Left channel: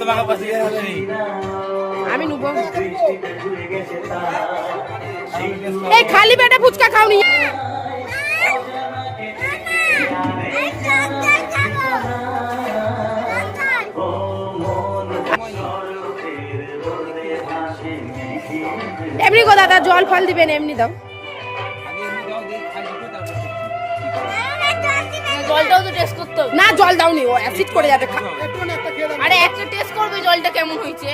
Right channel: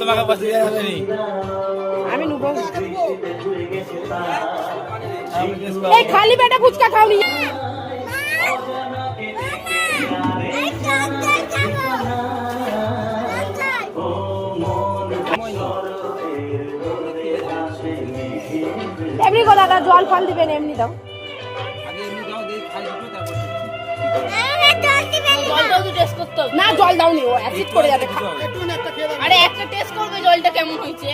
তোমাকে আমি নুব খালি পেটে ফুচকা খাওনি। এমনি গো দাদা জল ফল দিবেন, এমনি দাও। জলটাও তো টেস্ট করতে হবে। না জল দাওনি, ও অ্যাসিড করে যাবে। আরে একটা টেস্ট করবে জলটা কেমন হয়েছে।